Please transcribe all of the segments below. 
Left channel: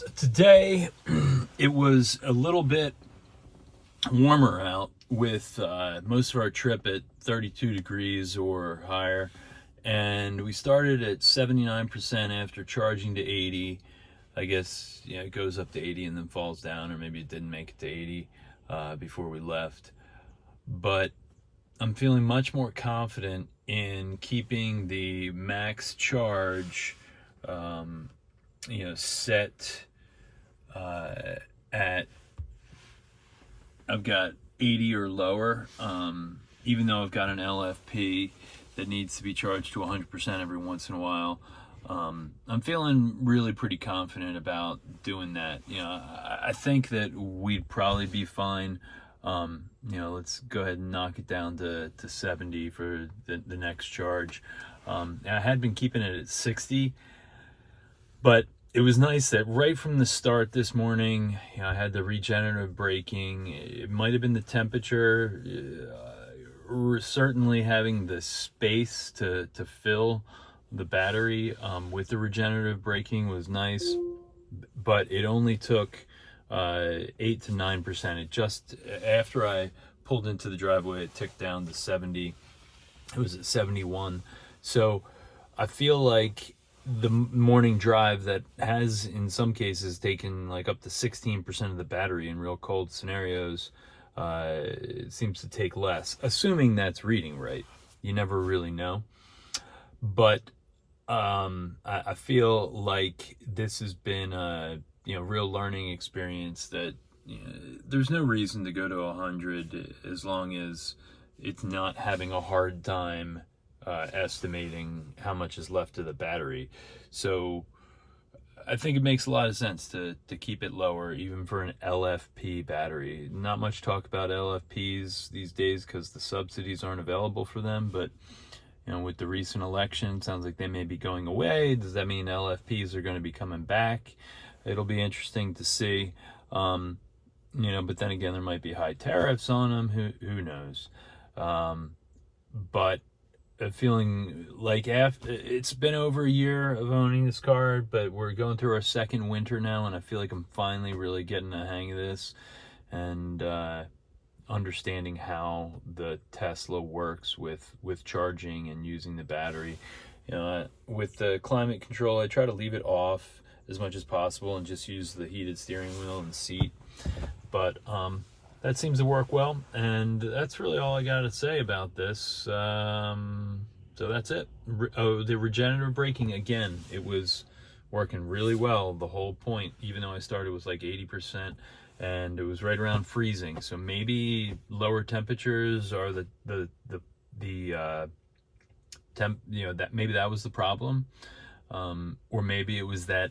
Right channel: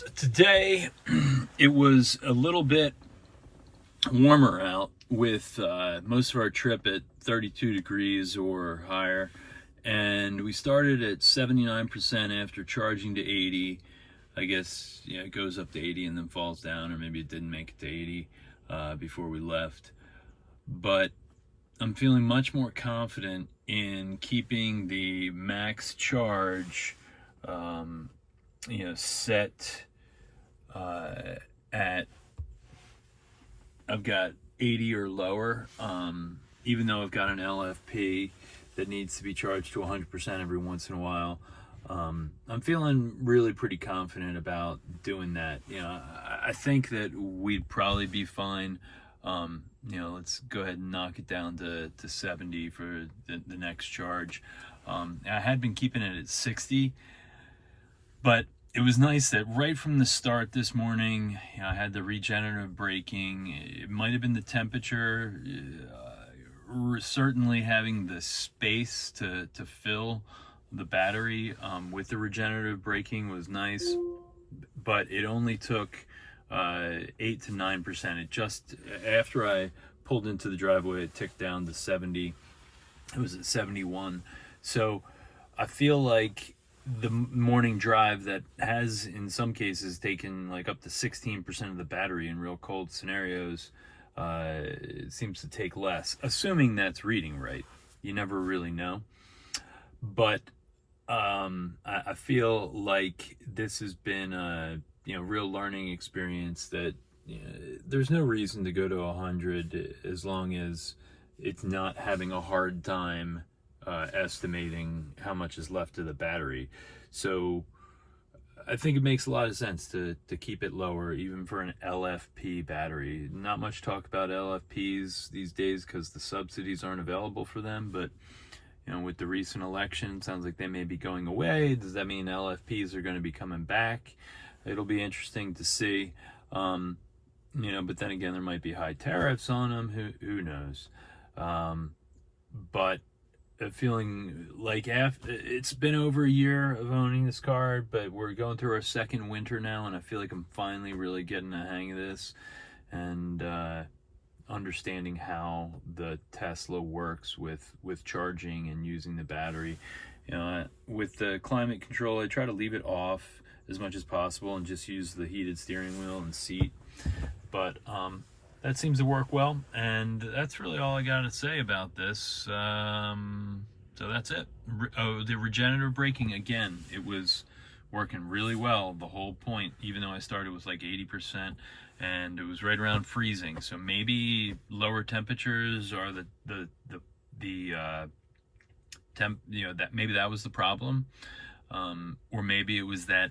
So today it was a little bit warmer out with most of our trip at 32 degrees or higher, and we started at 79% after charging to 80. I guess it goes up to 80 and then falls down, or maybe it didn't make it to 80 before we left. But I'm feeling much more confident in keeping the max charge set at, I've got 80 or lower, even though I've got an LFP that needs to be charged to 100% every once in a while. I'm feeling really pretty confident about doing that. I think that we'd probably be fine. Let's go ahead and knock it down to 70 for the next charge. I had been keeping it at 60, but it was nice that right from the start this morning, I had the regenerative braking. It might have been the temperature, certainly having the space to fill the battery with the regenerative braking was nice, but it only took 8 to 9%. It just, after I pulled into the driveway, it ticked down to 70. It was at 71. So I feel like the morning drive that has in some cases taken like up to 16% of the battery in real cold scenarios, it seems to take less, assuming that's reading right. You never really know. But I feel like this has been a real learning experience that there's no reason to go to 100 as long as it's not having a hard time estimating how much is left of the battery. So I think it makes a lot of sense to keep it lower, even for an LFP battery. Not much talk about LFPs these days because the subsidies aren't available for them, but with the recent election, sounds like they may be going away. Does that mean LFPs are going to be coming back? It'll be interesting to see. But then again, there might be high tariffs on them. Who knows? But feeling like after it's been over a year of owning this car, but we're going through our second winter now, and I feel like I'm finally really getting the hang of this and understanding how the Tesla works with charging and using the battery. With the climate control, I try to leave it off as much as possible and just use the heated steering wheel and seat. But that seems to work well, and that's really all I got to say about this. So that's it. The regenerative braking, again, it was working really well the whole point, even though I started with like 80%, and it was right around freezing. So maybe lower temperatures are the temp, that maybe that was the problem, or maybe it was that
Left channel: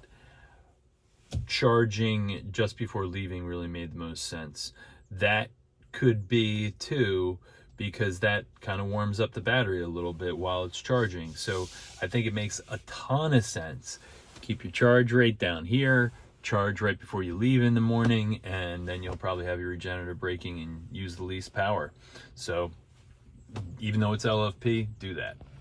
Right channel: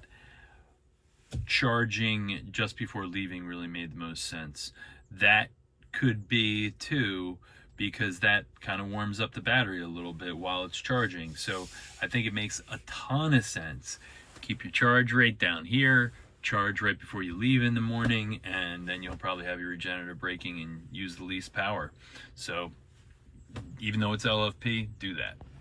charging just before leaving really made the most sense. That could be too, because that kind of warms up the battery a little bit while it's charging. So I think it makes a ton of sense to keep your charge rate down here, charge right before you leave in the morning, and then you'll probably have your regenerative braking and use the least power. So even though it's LFP, do that.